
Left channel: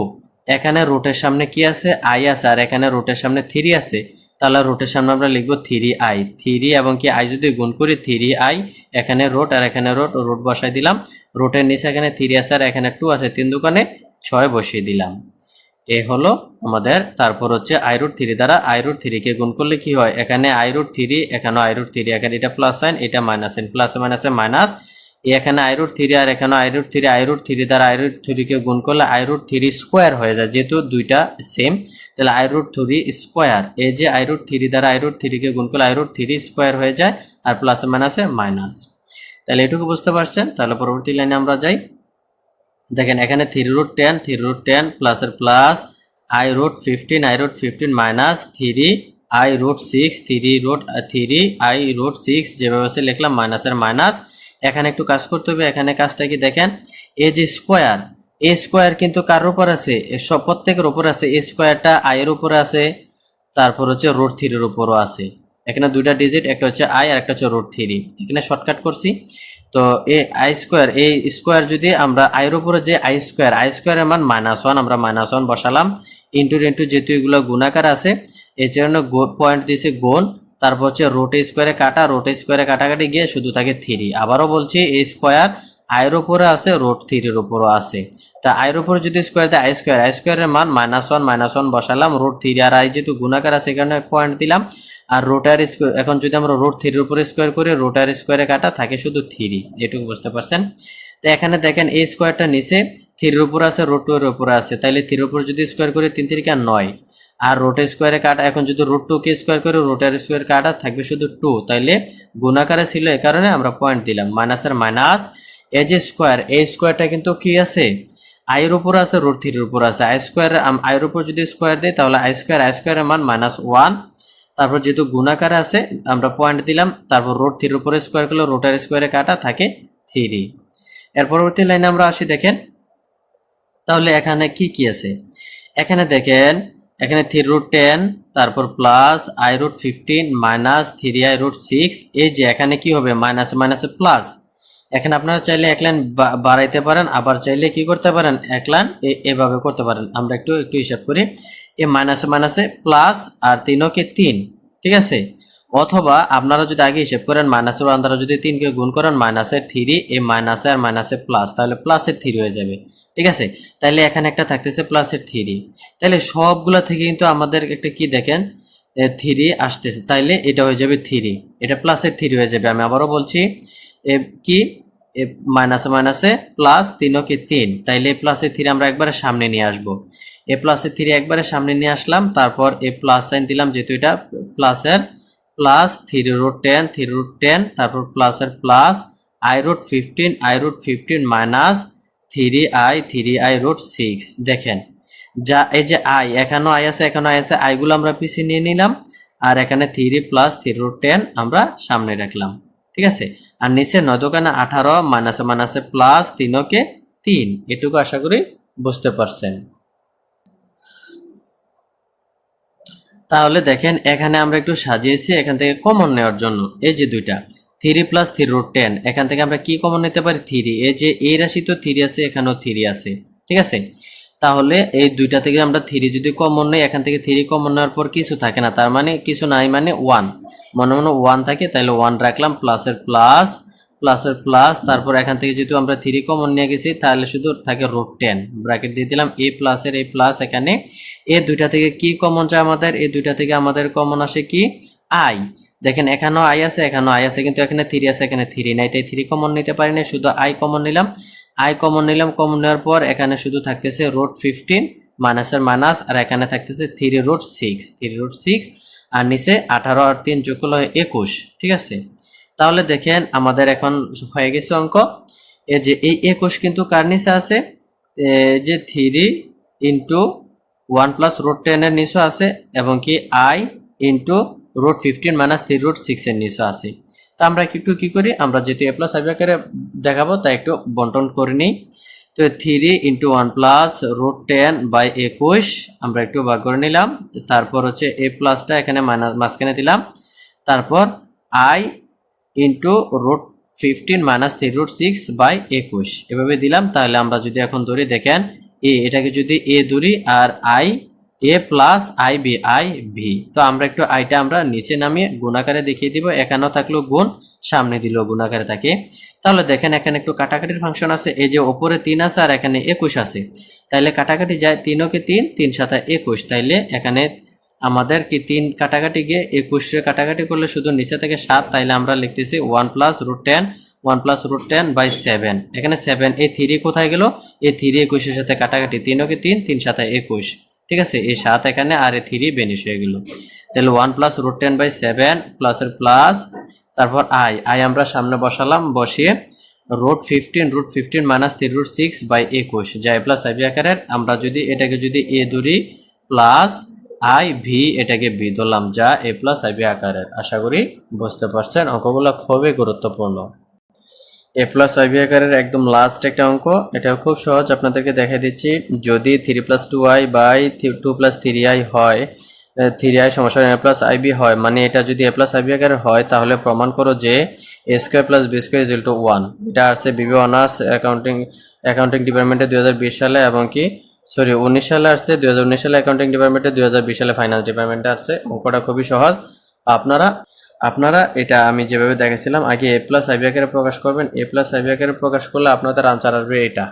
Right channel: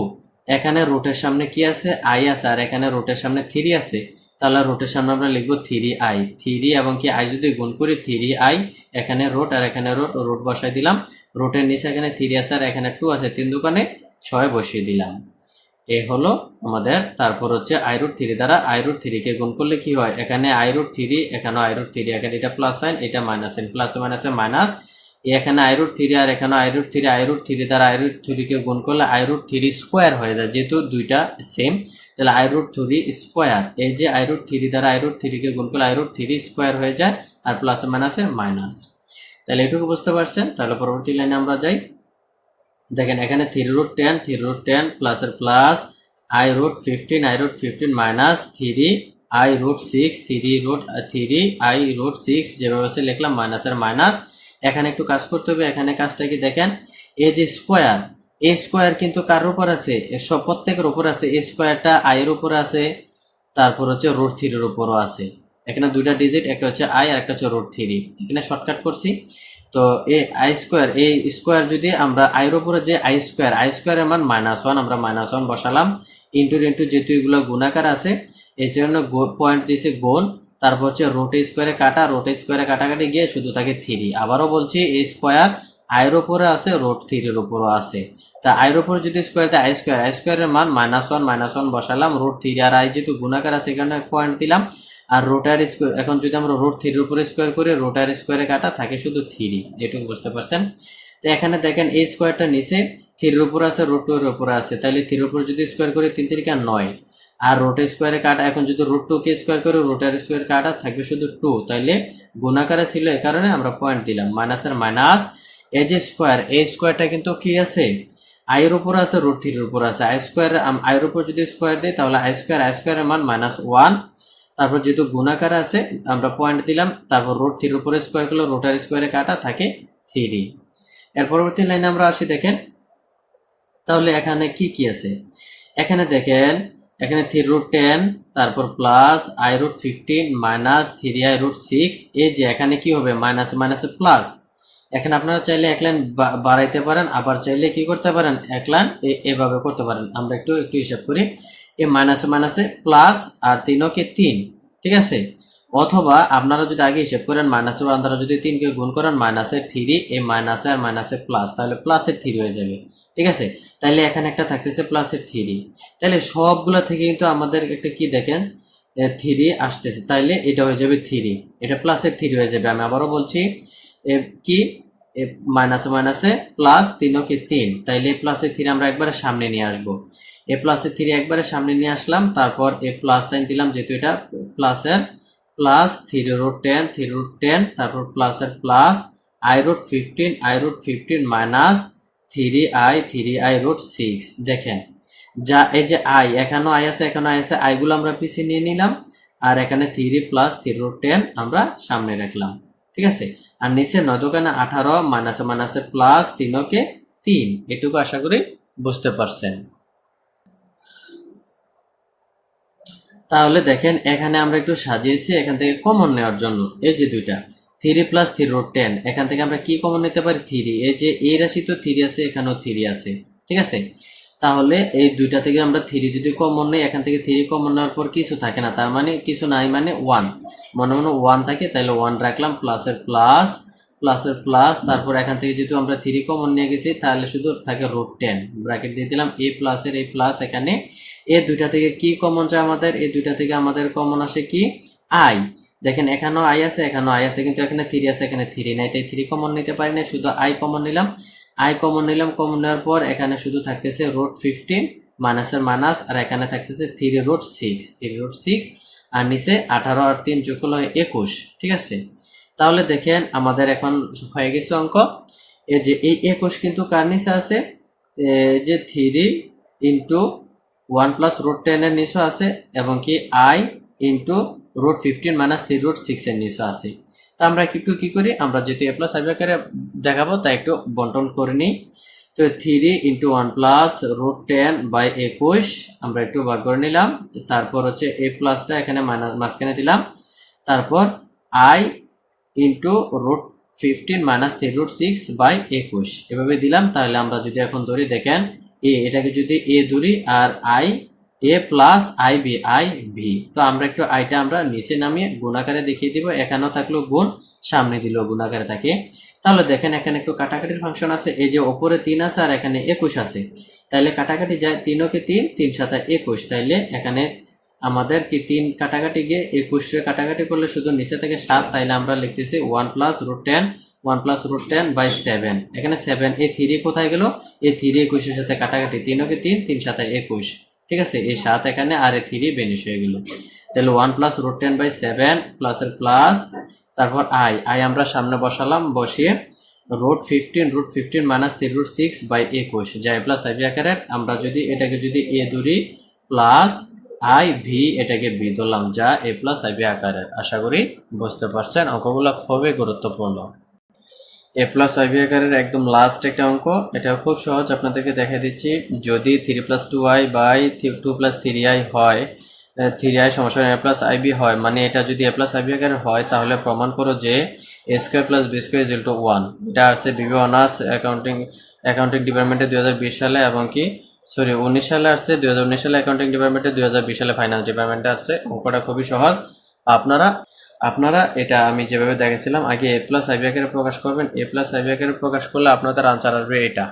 এখানে রুটের সামনে কি আছে? আই আছে। আর এখানে রুটের সামনে থ্রি আছে। তাহলে রুটের সামনে আমরা লিখব থ্রি আই থ্রি এবং কি আই যদি গুণ করি থ্রি আই এখানে রুট আর এখানে রুট রুট বসাই দিলাম। রুটের নিচে এখানে থ্রি আছে আর এখানে টু আছে। তিন দোকানে ছয় বসিয়ে দিলাম। এ হলো আমাদের তারপর হচ্ছে আই রুট থ্রি দ্বারা আই রুট থ্রিকে গুণ করলে কি হয় এখানে আই রুট থ্রি এখানে আই রুট থ্রি এখানে এটা প্লাস সাইন এটা মাইনাস সাইন প্লাস মাইনাসে মাইনাস এখানে আই রুট থ্রি আর এখানে i root three i root three দ্বারা আই রুট থ্রিকে গুণ করলে আই রুট থ্রি স্কোয়ার হয়ে যায় যেহেতু দুইটা সেম তাহলে আই রুট থ্রি স্কোয়ার এই যে আই রুট থ্রি দ্বারা আই রুট থ্রিকে গুণ করলে আই রুট থ্রি স্কোয়ার হয়ে যায় আর প্লাস মাইনাসে মাইনাস তাহলে এটুকু বুঝতে পারছেন তাহলে পরবর্তী লাইনে আমরা যাই দেখেন, এখানে three root ten three root ten প্লাসের plus i root fifteen i root fifteen minus three i root six three root three i root six যেভাবে আছে লিখলাম মাইনাসের মাইনাস এখানে একটু কাজ করতে হবে, এখানে কাজটা কি দেখেন এ যে স্কোয়ার এ স্কোয়ার কিন্তু কার উপর আছে? সব প্রত্যেকের উপর আছে এ স্কোয়ারটা আই এর উপরে আছে, তারপর হচ্ছে রুট থ্রির উপরও আছে। এখানে দুইটা ডিজিট একটা হচ্ছে আই আর একটা হচ্ছে রুট থ্রি এখানে শর্টকাট করছি। তো এই আই স্কোয়ার এই স্কোয়ার যদি আমরা আইয়ের উপরে যে আই স্কোয়ার আই স্কোয়ারের মান মাইনাস ওয়ান আমরা মাইনাস ওয়ান বসালাম ইন্টু ইন্টু যেহেতু এগুলো গুণাকার আছে, এই জন্য পয়েন্ট দিয়েছে গুণ, তারপর হচ্ছে রোট স্কোয়ারে কাটা রোট স্কোয়ারে কাটাকাটি গিয়ে শুধু থাকে থ্রি আবারও বলছি, এই স্কোয়ার আয়ের উপরে আছে রোট থ্রির উপরও আছে। তা আয়ের উপরে যদি স্কোয়ার দেয় আই স্কোয়ার আই স্কোয়ারের মান মাইনাস ওয়ান মাইনাস ওয়ান বসালাম রোট থ্রি আর আই যেহেতু গুণাকার আছে, এখানে পয়েন্ট দিলাম আর রোটার স্কোয়ার এখন যদি আমরা রোট থ্রির উপরে স্কোয়ার করি রোটার স্কোয়ারে কাটা থাকে শুধু থ্রি এটুকু বুঝতে পারছেন? তো এখানে দেখেন এই স্কোয়ারটা নিচে থ্রির উপর আছে রোট টু এর উপরে আছে। তাইলে থ্রির উপর যদি স্কোয়ার করি, তিন তিরিকা নয়। আর রোট স্কোয়ারে কাটা, এখন যদি রুট টু কে স্কোয়ার করে রোটার স্কোয়ার কাটা থাকবে শুধু টু তাইলে গুণাকারে ছিল এই কারণে আমরা পয়েন্ট দিলাম মাইনাসের মাইনাস এ যে স্কোয়ার এই স্কোয়ারটা কিন্তু কি আছে? আয়ের উপর আছে রুট থ্রির উপর আছে। আই স্কোয়ার আয়ের উপর যদি স্কোয়ার দিই, তাহলে আই স্কোয়ার আই স্কোয়ারের মান মাইনাস ওয়ান তারপর যেহেতু গুণাকার আছে, আমরা পয়েন্ট দিলাম, তারপর রোড থ্রির উপরে স্কোয়ার করলে রোটার স্কোয়ারে কাটা থাকে থ্রি এর পরবর্তী লাইনে আমরা আসি, দেখেন। তাহলে এখানে কি কি আছে? এখানে দেখেন, এখানে থ্রি রুট টেন তারপর plus i root fifteen minus three i root six এই যে এখানে কি হবে? মাইনাসে মাইনাসে প্লাস এখানে আপনারা চাইলে এক লাইন বাড়াইতে পারেন, আবার চাইলে কি করতে পারেন? এক লাইন এভাবে করতে পারেন। আমরা একটু একটু হিসাব করি। এ মাইনাসে মাইনাসে প্লাস আর তিনকে তিন, ঠিক আছে? অথবা আপনারা যদি আগে হিসেব করেন মাইনাসের আন্দারা যদি তিনকে গুণ করেন মাইনাসের থ্রি এই মাইনাসে আর মাইনাসে প্লাস তাহলে প্লাসের থ্রি হয়ে যাবে, ঠিক আছে? তাহলে এখানে একটা থাকতেছে প্লাসের থ্রি। তাহলে সবগুলা থেকে কিন্তু আমাদের একটা কি দেখেন? থ্রি আসতেছে, তাইলে এটা হয়ে যাবে থ্রি, এটা প্লাসের থ্রি হয়ে যাবে। আমি আবারও বলছি, এ কি? মাইনাসে মাইনাসে প্লাস তিনকে তিন, তাইলে প্লাসের থ্রি আমরা একবারে সামনে নিয়ে আসব। এ প্লাসের থ্রি একবারে সামনে নিয়ে আসলাম, তারপর এ প্লাস সাইন দিলাম, যেহেতু এটা প্লাসের plus three root ten three root ten তারপর প্লাসের plus i root fifteen i root fifteen minus three i three i root six দেখেন, যা, এই যে আই এখানেও আই আছে, এখানেও আই আছে আইগুলো আমরা পিছিয়ে নিয়ে নিলাম, আর এখানে three plus three root ten আমরা সামনে রাখলাম, ঠিক আছে? আর নিচে নয় দোকানে আঠারো মাইনাসে মাইনাসে প্লাস তিনকে তিন, এটুকু আশা করি বুঝতে পারছেন। তাহলে দেখেন, এখানে আমরা একটু সাজিয়েছি এখান থেকে কমন নেওয়ার জন্য। এই যে দুইটা three plus three root ten এখান থেকে আমরা কি কমন নিতে পারি? থ্রি এই যে এই রাশি তো থ্রি আছে, এখানেও থ্রি আছে, ঠিক আছে? তাহলে এই দুইটা থেকে আমরা থ্রি যদি কমন নেই, এখান থেকে থ্রি কমন নেওয়ার পর কিছু থাকে না, তার মানে কিছু নাই মানে ওয়ান মনে মনে ওয়ান থাকে, তাহলে ওয়ান রাখলাম প্লাসের প্লাস প্লাসের প্লাস তারপর এখান থেকে যেহেতু আমরা থ্রি কমন নিয়ে গেছি, তাহলে শুধু থাকে রুট টেন ব্র্যাকেট দিয়ে দিলাম এ প্লাসের এই প্লাস এখানে। এ দুইটা থেকে কি কমন যায় আমাদের? এ দুইটা থেকে আমাদের কমন আসে কি? আই দেখেন, এখানেও আই আছে, এখানেও আই আছে, কিন্তু এখানে থ্রি আছে, এখানে থ্রি নাই, তাই থ্রি কমন নিতে পারি না শুধু আই কমন নিলাম। আই কমন নিলাম কমন নেওয়ার পর এখানে শুধু থাকতেছে রোড ফিফটিন মাইনাসের মাইনাস আর এখানে থাকতেছে three root six three root six আর নিচে আঠারো আর তিন যোগ করলে একুশ, ঠিক আছে? তাহলে দেখেন আমাদের এখন হয়ে গেছে অঙ্ক। এই যে এই একুশ কিন্তু কার নিচে আছে? যে three into one plus root টেনের নিচে আছে এবং কি i into root fifteen minus three root সিক্সের নিচে আছে। তা আমরা একটু কি করি? আমরা যেহেতু এ প্লাস আইবি আকারে দেখাবো তা একটু বন্টন করে নিই। তো তো three into one plus root ten by একুশ, আমরা একটু ভাগ করে নিলাম। তারপর হচ্ছে এ প্লাসটা এখানে মাইনাস মাঝখানে দিলাম। তারপর i into root fifteen minus three root six by একুশ। এভাবে দিলাম, তাহলে আমরা যদি এখন ধরি, দেখেন, এ, এটাকে যদি এ ধরি, আর i, a plus i b, i b তো আমরা একটু আইটা আমরা নিচে নামিয়ে গুণাকারে দেখিয়ে দিব, এখানেও থাকল গুণ, সামনে দিল গুণাকারে থাকে তাহলে দেখেন, এখানে একটু কাটাকাটির ফাংশন আছে, এই যে ওপরে তিন আছে আর এখানে একুশ আছে। তাইলে কাটাকাটি যায় তিনও কি তিন তিন সাথে একুশ। তাইলে এখানে আমাদের কি তিন কাটাকাটি গিয়ে একুশে কাটাকাটি করলে শুধু নিচে থেকে সাত, তাইলে আমরা লিখতেছি one plus root ten one plus root ten by seven এখানে সেভেন এই থ্রি কোথায় গেল? এই থ্রি একুশের সাথে কাটাকাটি তিনও কি তিন? তিন সাথে একুশ। ঠিক আছে? এই সাত এখানে আর এই থ্রি বেনিশ হয়ে গেল। তাহলে one plus root ten by seven প্লাসের প্লাস তারপর আই আই আমরা সামনে বসালাম, বসিয়ে root fifteen root fifteen minus three root six by একুশ। যা এ প্লাস আইবি আকারের আমরা যদি এটাকে যদি এ ধরি প্লাস আই ভি এটাকে বি ধরলাম যা এ প্লাস আইবি আকারের। আশা করি বুঝতে পারছেন? অঙ্কগুলো খুবই গুরুত্বপূর্ণ। এ প্লাস আইবি আকারের একদম লাস্ট একটা অঙ্ক। এটা খুব সহজ, আপনাদেরকে দেখা দিচ্ছি। যদি three plus two i by two plus three i হয় থ্রি আই সমস্যা এ প্লাস আইবি হয় মানে এটা যদি এ প্লাস আইবি আকারের হয়, তাহলে প্রমাণ করো যে a square plus b square is to one এটা আসছে বিবি অনার্স অ্যাকাউন্টিং অ্যাকাউন্টিং ডিপার্টমেন্টে দু হাজার বিশ সালে এবং কি সরি, উনিশ সালে আসছে দু হাজার উনিশ সালে অ্যাকাউন্টিং ডিপার্টমেন্টে দুই সালে ফাইন্যান্স ডিপার্টমেন্টে আসছে। অঙ্কটা খুবই সহজ। আপনারা আপনারা, এটা আমি যেভাবে দেখেছিলাম, আগে এ প্লাস আইবি প্রকাশ করবেন। এ প্লাস আইবি প্রকাশ করলে আপনাদের আনসার আসবে এটা।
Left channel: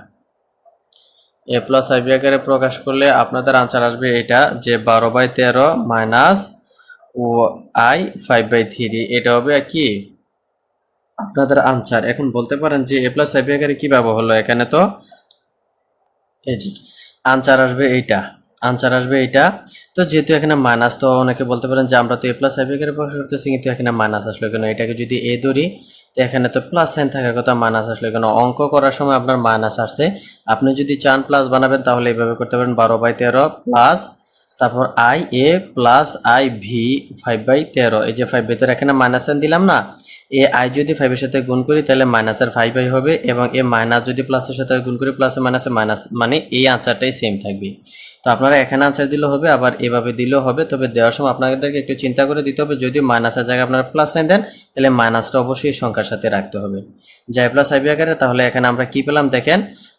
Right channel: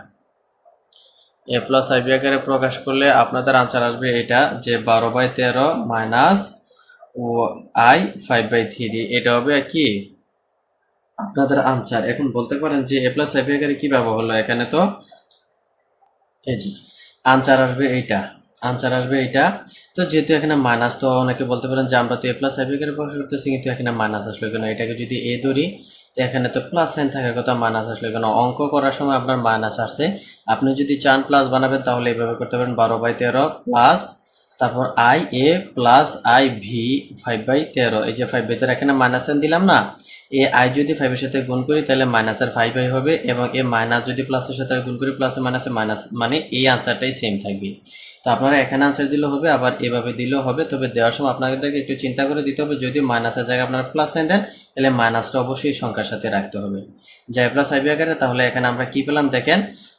এ প্লাস আইবি প্রকাশ করলে আপনাদের আনসার আসবে এটা যে বারো বাই তেরো মাইনাস ও আই ফাইভ বাই থ্রি এটা হবে কি? আপনাদের আনসার এখন বলতে পারেন যে এ প্লাস আইবি আকারে কীভাবে হলো এখানে তো? এই যে আনসার আসবে এইটা, আনসার আসবে এইটা। তো যেহেতু এখানে মাইনাস তো অনেকে বলতে পারেন যে আমরা তো এ প্লাস আইবি করে প্রকাশ করতেছি, কিন্তু এখানে মাইনাস আসলো কেন? এটাকে যদি এ ধরি, তো এখানে তো প্লাস সাইন থাকার কথা মাইনাস আসলো কেন? অঙ্ক করার সময় আপনার মাইনাস আসছে। আপনি যদি চান প্লাস বানাবেন, তাহলে এইভাবে করতে পারেন বারো বাই তেরো প্লাস তারপর i a plus i b five by তেরো। এই যে ফাইভ বাই তেরো এখানে মাইনাস সাইন দিলাম না এ আই যদি ফাইভের সাথে গুণ করি, তাহলে মাইনাসের ফাইভ আই হবে এবং এ মাইনাস যদি প্লাসের সাথে গুণ করি প্লাসে মাইনাসে মাইনাস মানে এই আনসারটাই সেম থাকবে। তো আপনারা এখানে আনসার দিলেও হবে, আবার এভাবে দিলেও হবে। তবে দেওয়ার সময় আপনাদেরকে একটু চিন্তা করে দিতে হবে যদি মাইনাসের জায়গায় আপনারা প্লাস সাইন দেন, তাহলে মাইনাসটা অবশ্যই সংখ্যার সাথে রাখতে হবে। যাই প্লাস আইবি আকারে, তাহলে এখানে আমরা কি পেলাম? দেখেন,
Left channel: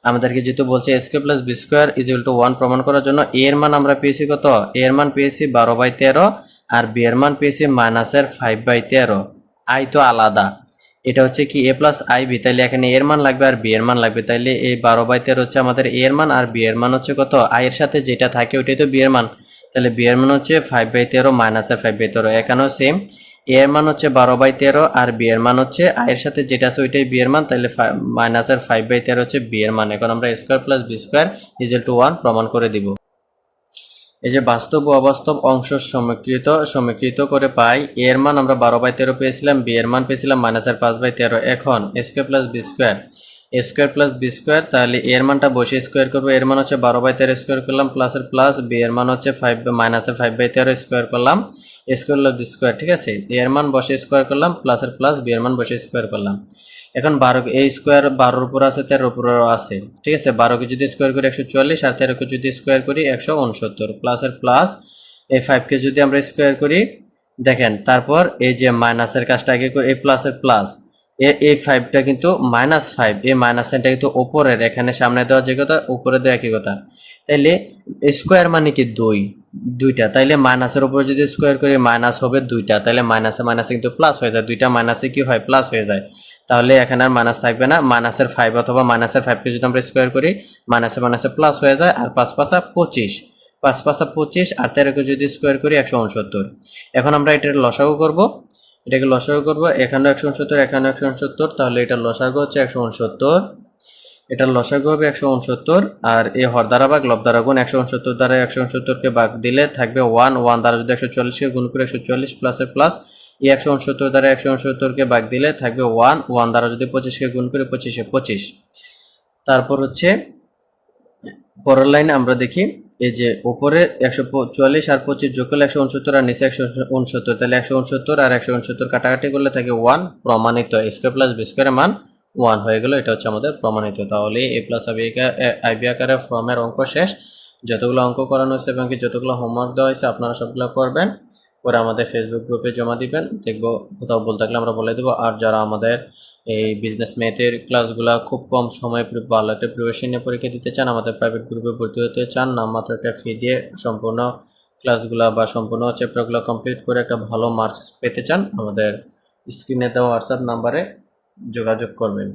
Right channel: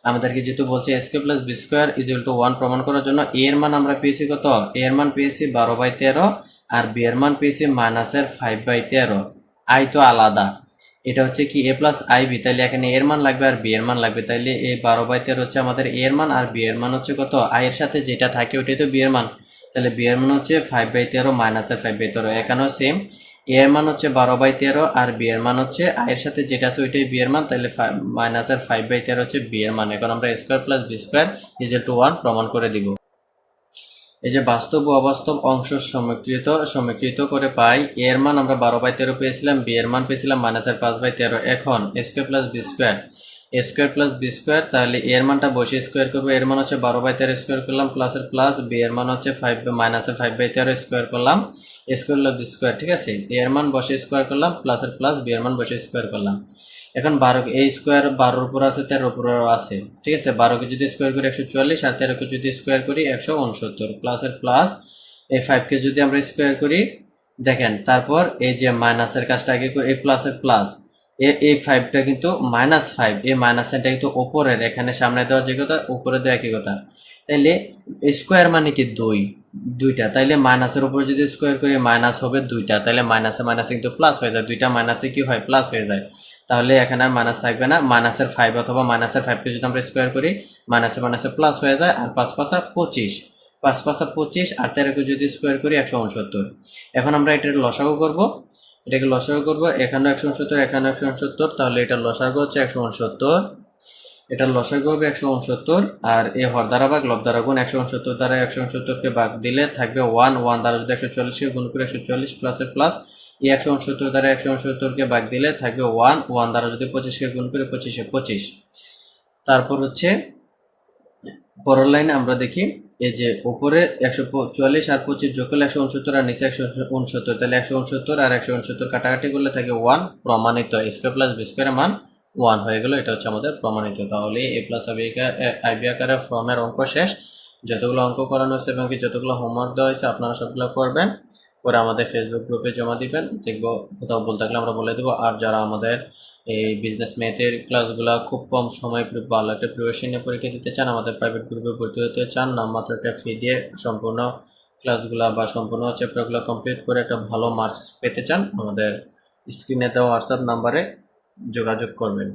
আমাদেরকে যেহেতু বলছে square plus b square is to one প্রমাণ করার জন্য এ এর মান আমরা পেয়েছি কত? এ এর মান পেয়েছি বারো বাই তেরো, আর বি এর মান পেয়েছি মাইনাসের ফাইভ বাই তেরো। আই তো আলাদা। এটা হচ্ছে কি, এ প্লাস আই বি তাহলে এখানে এর মান লাগবে আর বি এর মান লাগবে। তাইলে এই বারো বাই তেরো হচ্ছে আমাদের এর মান, আর বি এর মান হচ্ছে কত? আই এর সাথে যেটা থাকে ওইটাই তো বি এর মান। তাহলে বি এর মান হচ্ছে ফাইভ বাই তেরো মাইনাসের ফাইভ বাই তেরো, এখানেও সেম এ এর মান হচ্ছে বারো বাই তেরো, আর বি এর মান হচ্ছে আই এর সাথে যেটা আছে ওইটাই বি এর মান। তাহলে মাইনাসের ফাইভ বাই তেরো হচ্ছে বি এর মান। এখন আমরা square plus b square equal to one প্রমাণ করে দিব। এই যে বাস্তব ও অবাস্তব অংশ সমীকৃত সমীকৃত করে পাই, এর মান আমরা বারো বাই তেরো পেয়েছিলাম, বি এর মান পেয়েছিলাম মাইনাসের পাঁচ বাই তেরো। এখন square plus b square square plus b square তাহলে এর মানটা বসে স্কোয়ার করব। এর মান হচ্ছে বারো বাই তেরো স্কোয়ার করলাম প্লাসের প্লাস বি এর মান হচ্ছে ফাইভ মাইনাসের ফাইভ বাই তেরো স্কোয়ার করলাম স্কোয়ার প্লাস বি স্কোয়ার ঠিক আছে? এর মান বসে স্কোয়ার করলাম প্লাসের প্লাস বি এর মান বসে স্কোয়ার করলাম। এখন বারো এই স্কোয়ার বারোর উপর আছে, তেরোর উপরও আছে। ঠিক আছে? বারোকে যদি স্কোয়ার করি একশো চুয়াল্লিশ আর তেরোকে যদি স্কোয়ার করি একশো উনসত্তর। প্লাসের প্লাস এই ফাইভকে যদি আমরা স্কোয়ার করি, দেখেন, তারপর এই যে মাইনাসের কাজটা আগে এই প্লাসের প্লাস এ, এই ফাইভটা কিন্তু মাইনাস ফাইভ এই মাইনাস সাইনটা কিন্তু ওপরের এখানে সামনে দেওয়া যে কথা, উপরে দেওয়া একই কথা। তাইলে স্কোয়ার মানে কি? দুই, দুইটা। তাইলে মাইনাসের উপর যদি স্কোয়ার করি মাইনাস হবে দুইটা। তাহলে মাইনাসে মাইনাসে কিন্তু প্লাস হয়ে যায়। দুইটা মাইনাসে কি হয়? প্লাস হয়ে যায়। তাহলে এখানে আর মাইনাস থাকবে না। মাইনাসের ফাইভ অথবা মাইনাসের ফাইভকে যদি আমরা স্কোয়ার করি মাইনাসে মাইনাসে প্লাস হয়ে যায় আর পাঁচ পাঁচা পঁচিশ। পাঁচ পাঁচা পঁচিশ আর তেরোকে যদি স্কোয়ার করি, একশো উনসত্তর। এখন আমরা এটার লসাগু করব। এটাকে লসাগু করব। এখানেও একশো উনসত্তর, এখানেও একশো উনসত্তর। তাহলে এটা লসাগু হচ্ছে একশো উনসত্তর। এটার লসাগু হবে একশো উনসত্তর আর এই হর দ্বারা ভাগ দ্বারা গুণ। একশো উনসত্তর দ্বারা একশো উনসত্তরকে ভাগ দিলে থাকবে ওয়ান ওয়ান দ্বারা যদি একশো চল্লিশকে গুণ করে একশো চল্লিশ প্লাসের প্লাস এই একশো উনসত্তর দ্বারা একশো উনসত্তরকে ভাগ দিলে থাকবে ওয়ান ওয়ান দ্বারা যদি পঁচিশকে গুণ করে পঁচিশে পঁচিশ। তারপর হচ্ছে পরের লাইনে আমরা দেখি, এই যে উপরে একশো চুয়াল্লিশ আর পঁচিশ যোগ করলে একশো উনসত্তর আর নিচে একশো উনসত্তর, তাহলে একশো উনসত্তর আর একশো উনসত্তর কাটাকাটি করলে থাকে ওয়ান, প্রমাণিত। স্কোয়ার প্লাস বি স্কোয়ারের মান ওয়ান হয়ে গেল, এটা হচ্ছে আমাদের প্রমাণিত। তাহলে এ প্লাস আইবি আকারের ফর্মের অঙ্ক শেষ। যতগুলো অঙ্ক করানো হয়েছে এবং কি যতগুলো হোমওয়ার্ক দেওয়া হয়েছে আপনারা সবগুলো করবেন। করে আমাদের ফেসবুক গ্রুপে জমা দিবেন। দেখব কোথাও বলতে থাকলে আমরা বলে দেবো। আর যারা আমাদের এই বিজনেস ম্যাথের ক্লাসগুলো খুব কম সময় ভালো একটা প্রিপারেশন নিয়ে পরীক্ষা দিতে চান, আমাদের প্রাইভেট গ্রুপে ভর্তি হতে চান না মাত্র একটা ফি দিয়ে সম্পূর্ণ ক্লাসগুলো বা সম্পূর্ণ চ্যাপ্টারগুলো কমপ্লিট করে একটা ভালো মার্কস পেতে চান, আমাদের স্ক্রিনে দেওয়া হোয়াটসঅ্যাপ নাম্বারে যোগাযোগ করবেন।